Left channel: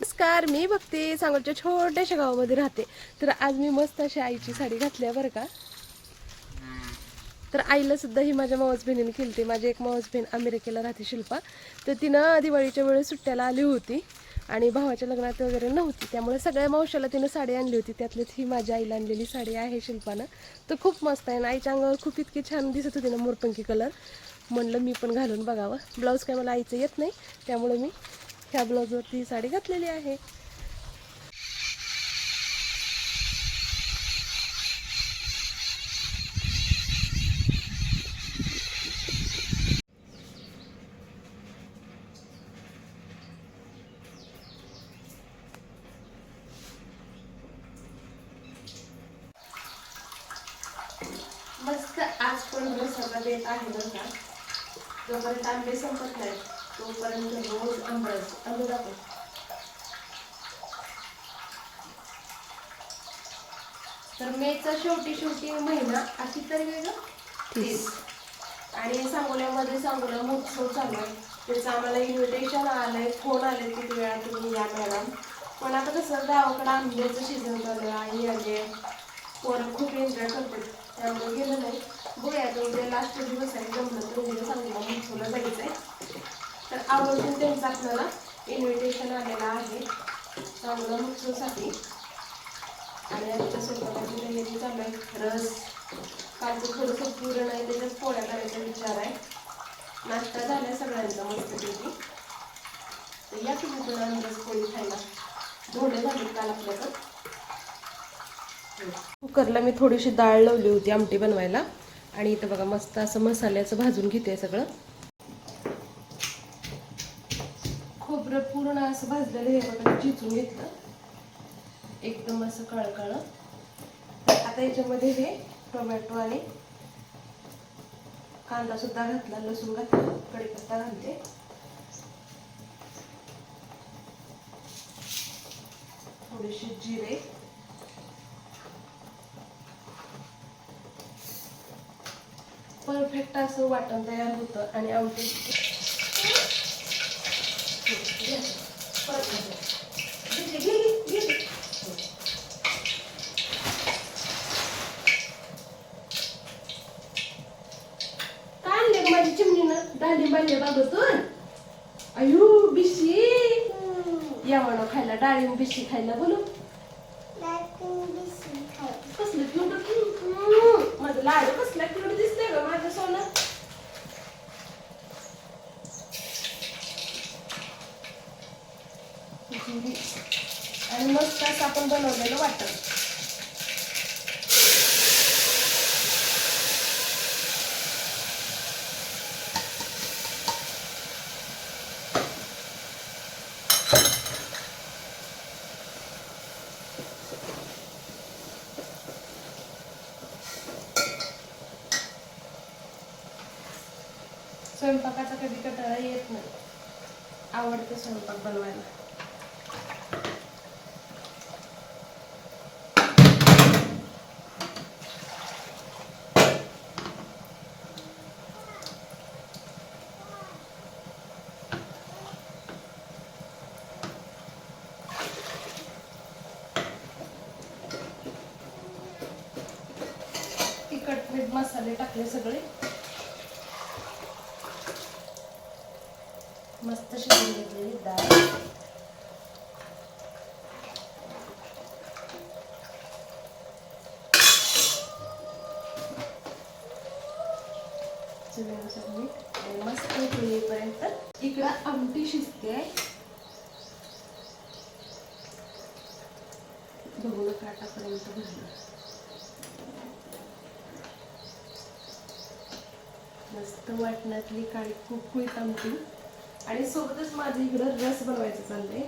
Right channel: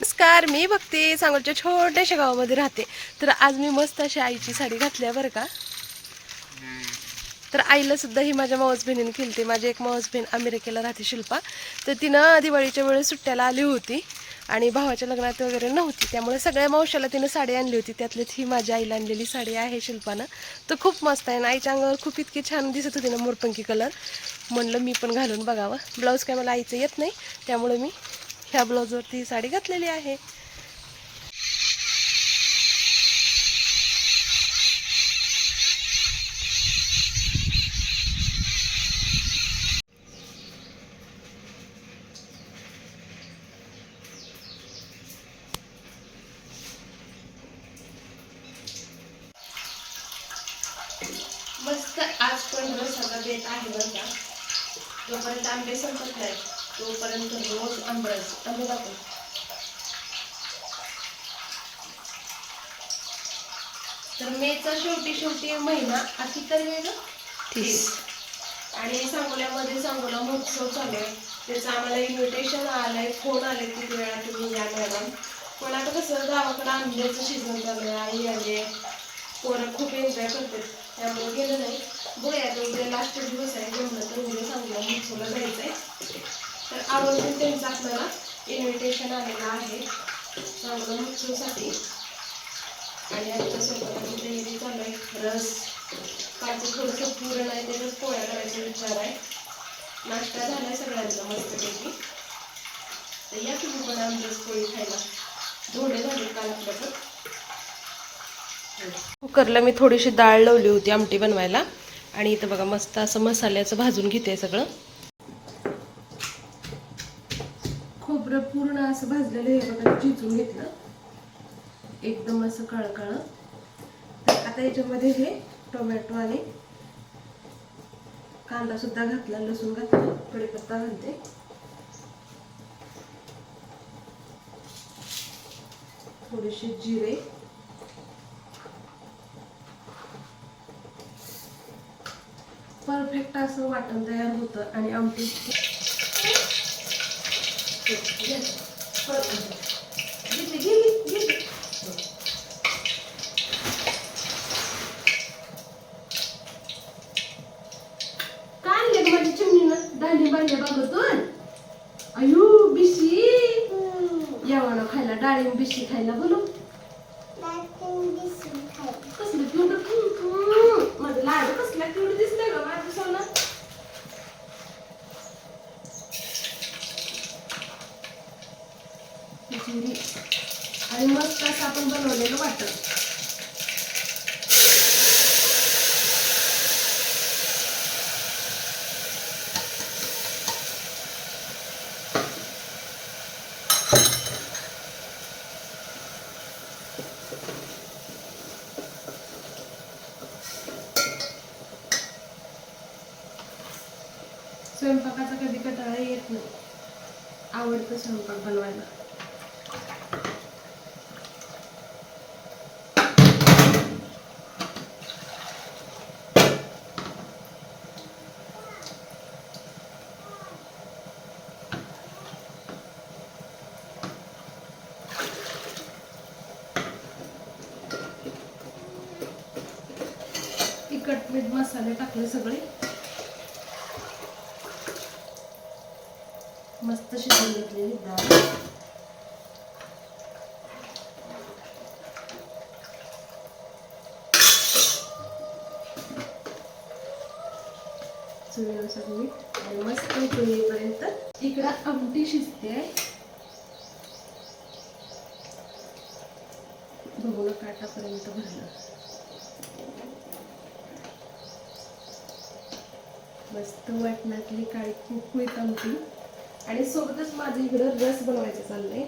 नमस्कार, मी भक्ती सांगोलच्या छोट्याशा गावामध्ये राहते. तर आज मी मस्त अशी आईची साडी घातली आहे बरं का. तर आईला सुद्धा ही माझ्या मावस बहिणीने केली. माझी एक मावस बहीण अमेरिकेला राहते, शिल्पा. तर तिनं दिवाळीच्या वेळेस सुट्ट्याला आली होती आणि भावाच्या लग्नात वगैरे नव्हती, त्यामुळे सगळ्या मावशाला तिनं साडी आणली होती. त्यातलीच ही माझ्या आईला आणलेली साडी आहे शिल्पानं. तर खूप मस्त आहे आणि आईच्या अंगावर खूप इतकी छान दिसत होती ना, मोरपंखी कलर. म्हणलं मी पण घालून बघावं. ब्लाऊज काय मला आईचं येत नाही, त्यामुळे मी ह्या ब्लाऊजवरती ही साडी घातलेली आहे. मस्त आज पण रसाला देत आहे बरं का. जोपर्यंत आंबे संपत नाही तोपर्यंत रोज आंबे दाखव. तर मेचा शेवटी महिना अशी तर वेगळं 30 आणि सांगोला महोत्सव चालू आहे. त्याचं आम्हाला इन्व्हिटेशन आलंय, फोन आले किती वेळा तुम्ही या मॅडम. पण आता कसं गावाकडं आंब्याचं सीझन चालू आहे, आई आले, पोरं खूप एन्जॉय करतात, त्यामुळे गेलं नाही. बघूया आता उद्या लास्ट दिवस आहे, जमलं तर उद्या सांगोला महोत्सवला जायचं आहे. तर आवर्जून त्यांचं आपल्याला इन्व्हिटेशन आलेलं आहे सांगोला महोत्सवसाठी. आणि आमच्या स्वयंपाकाची तयारी चालू आहे. रस कालचं थोडंसं पुरण आहे, त्याच्यात पोळ्या करायचा विचार आहे. नाश्ता झालाय सगळ्यांचा मस्तपैकी. तर या तुम्ही पण आमरस पोळी खायला. धोंडे झाले काल आपल्याकडं. कुकरला मी थोडीशी डाळ लावली होती आमटी बनवायला आणि इथं बघा मस्त असं मसाल्याचं भाजून घेते सगळं. खोबरं पूर्ण असं भाजलेलं हे बघा चिचून घेतलं एकदम असं काळं. तर आता याच्यामध्ये हे टोमॅटो आणि कांदा सुद्धा घातला, लसूण घातला, कढीपत्ता घालते. थोडेसे जिरे, परफेक्ट असं वाटण तयार होतं आणि आमटी माझी चिमणीनं दांडी बांधले बागतून. अयो बिशी या म्हणा खायला, डाळिंब बिशी खायला. बोलू कसलं क्यूट माझं लाडू, कसला क्यूट दिसतंय ग माझं सोनं. आणि मस्त असं आपण बनवलेलं वाटण. स्वयंपाकाचा कधी कंटाळा येत नाही, आवडतं स्वयंपाक बनवायला. तिखट मीठ मसाले टाकले सगळे, मस्त शिजवून घेतलेली डाळ. चवीनुसार मीठ आणि मस्त उकळीपर्यंत इकडं आमटी शिजते. बघून काटापर्यंत भरलं. मस्त वाटणातली काळी कुकवीत आमटी आणि सोबतच माझं इकडं रस बनवायचं चाललंय,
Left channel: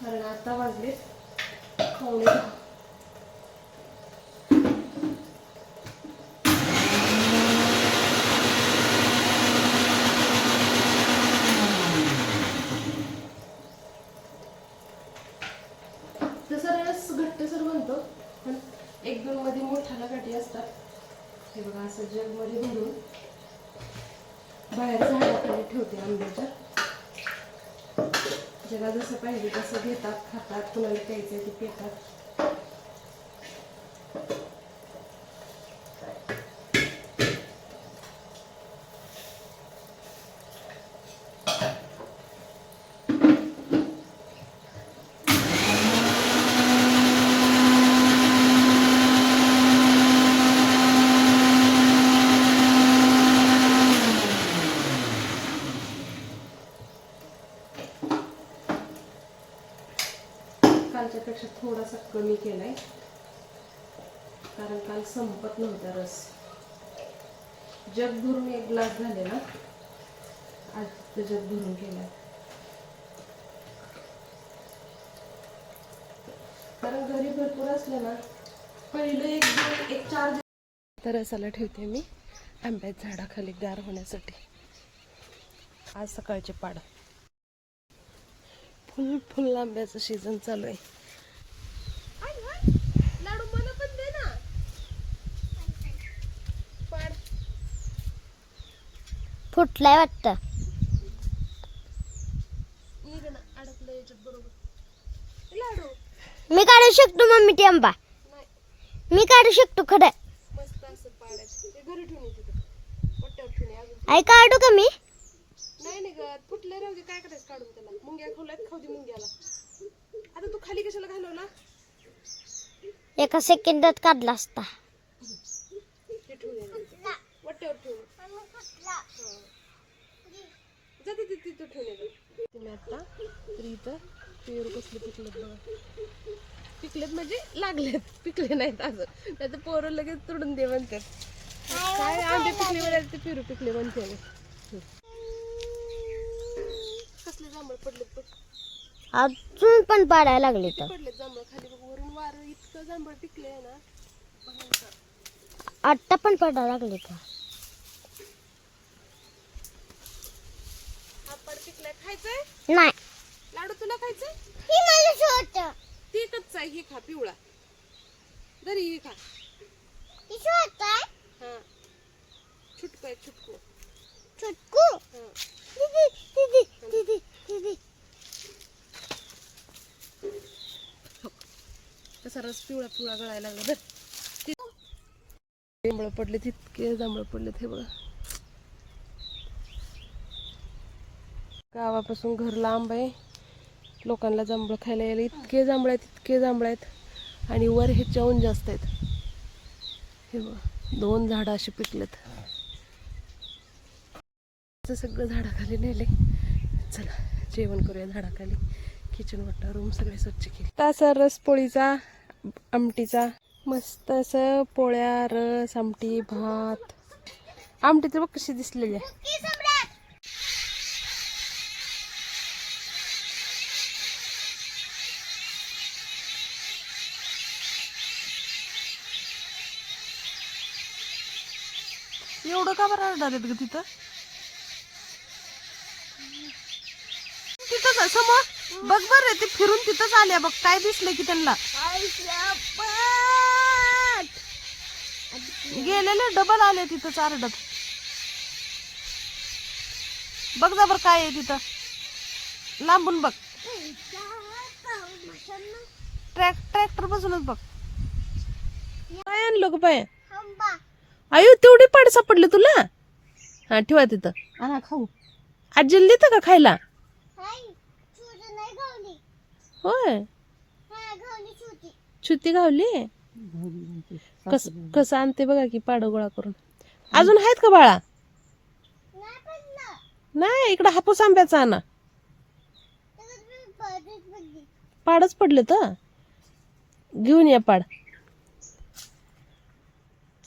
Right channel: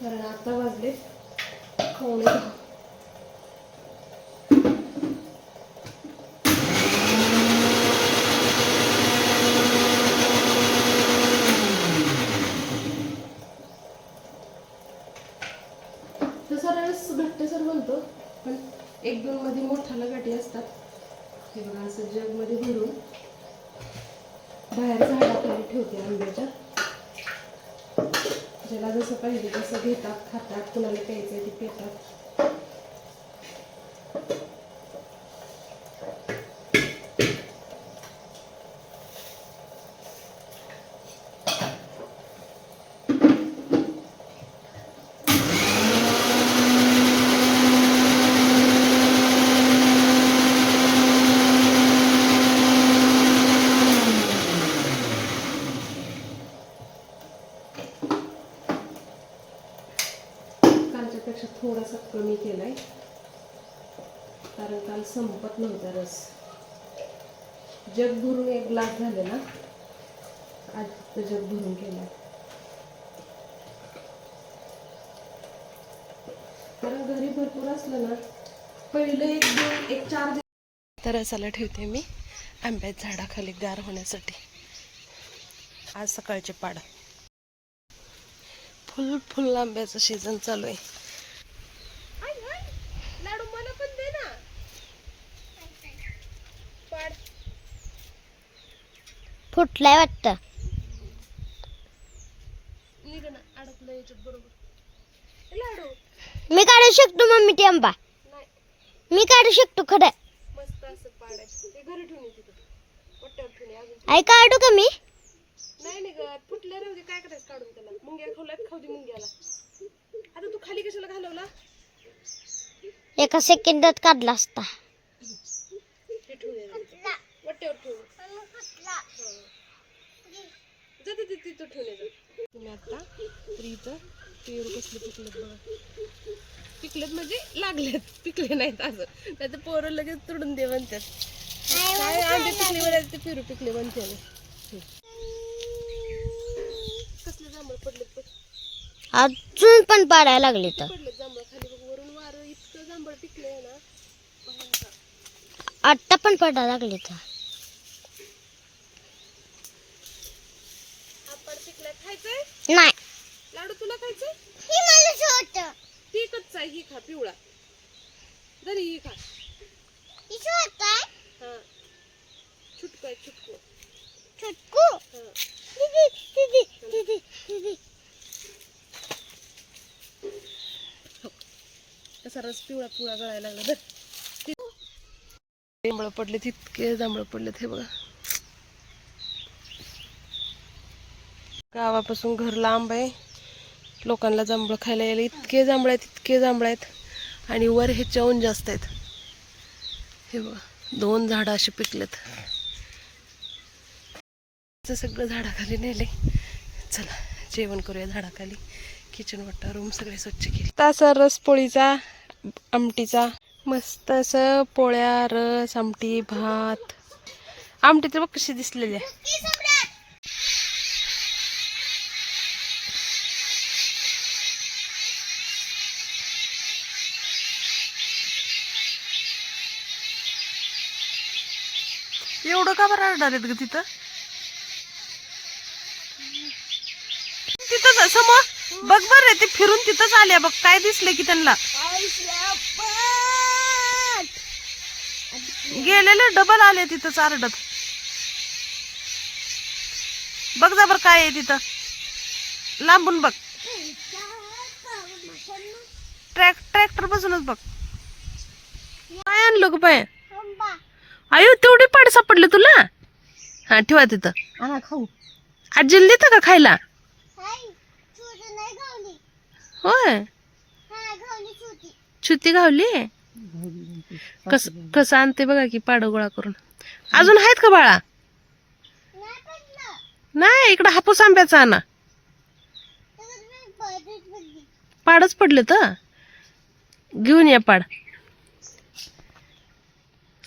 कारण आता वाजले 9:15. तसा रस घट्टसर बनतो, पण 1-2 मध्ये मोठाला गाठी असतात. हे बघा असं जगमध्ये भरून बाहेर झाडाखाली ठेवते आंब्याच्या. ज्याला जसं पाहिजे तसं घेतात, खातात, कुणाला प्यायचं ते पितात. कालच्यापेक्षा थोडासा कमी केलाय, कारण काल संपत नव्हता रस. जग भरून एक ग्लास झालेला, आज ते जग भरून केलाय. कारण घरी भरपूर असलं ना, पहिलं एक 4 दिवस तर रसाला ठेवते मी आंब्याच्या झाडाखाली गार होण्यासाठी. आज सकाळचे पाड फुल आंब्याचं सीझन चालू आहे. लाडू मला पण दे ना. पाड फुटलाय वाटतं. निघणं अडकलं याच्यात बरोबर. लाडू मी काढू शकतो मम्मी ते आंबा. नाही, मी काढू शकतो खरं. मस्त असं पाडायचं. ते घरी ठेवून तिथं पट्ट्यावर ठेवून अजून. आई काढू का मी? नाही निघत, फुटले राहू दे. काय करायचं काढून त्याला? मुंग्या खावल्यात, खाऊ दे मुंग्याला. आता तू खाली कशाला घालवला? एका सेकंदात काढला असता. ते ठेवून वट्ट्यावर ठेवून जाते ते तिथं ठेवून येतं. तुम्ही आता तरी इथं पेरू कसले पिकलेत बघा. पिकलेत म्हणजे लागलेत, पिकले नाहीत असं. नाही तर पोरं लगेच तोडून दे म्हणतात. काय आंबे पिकले म्हणाले ते पेरू पिकले म्हणते ना. कसले जांभळ पडलेत बघ. अजून पण पाडायला लागले तर पडलेत जांभळ खाली बघ. वरून वारं इतकं जांभळ पिकले ना. आत्ता पण पडायला लागले तर. हा पड पिकलाय, खायचंय नाही. लाडू? तुला खायचंय? ही मला छोट. ती कच्चा आहे, ही खा पिवळा. जरी ही खा. ही छोट आहे. हा छुटकू आहे, छुटकू. छुटकू. हा दीदी दीदी दीदी दीदी. कसा रस पिवळा पिवळा गळायला लागला. जांभळ पडले, तितके जांभळ पडलेत हे बघा. गावापासून घर लांब आहे. लोकांना जांभळ खायला यायला इतके जांभळ आहेत, इतके जांभळ आहेत. आणि वर हे चवून जास्त आहेत. हे बघा 2 झाडं अशी पिकलेत. सगळं झाडाखाली नेले. चला जेवण करूया झाडाखाली. किचन वाटा रूम सगळे स्वच्छ केले. तसा रस पोळीचा, आमटीचा मस्त असं पोळ्या, रस, आमटी, भात. आमटी तर बघ कशी दिसलेली आहे. एवढं का बरं आढळलेत ग तिथं? तिथंच समोर बघ बरं, ते फिरून तिथंच आल्या बघ. काय दिसले की त्यांना? गेलेले डबल आले तिथंच आरडत. बघ जा बरं काय आहे तिथं, लांबून बघ. ट्रॅक्टर बसूनच बघ. काय आणलं ग बाय? आयु तेवढी पाड सापडले तुला? हा ठेवा तिथं. खाऊ. आजीला देतं का खायला? होय, छुती गावली. कसं आणते बघा की पाड गोळा करून. अजून आहेत का बाळा? नाही, इकडं हापूस आंब्याचा आणा. पाडच पडले तर घेऊन या पाड.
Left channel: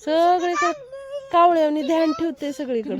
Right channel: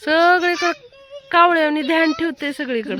सगळीकडे कावळ्यानी ध्यान ठेवते सगळीकडे.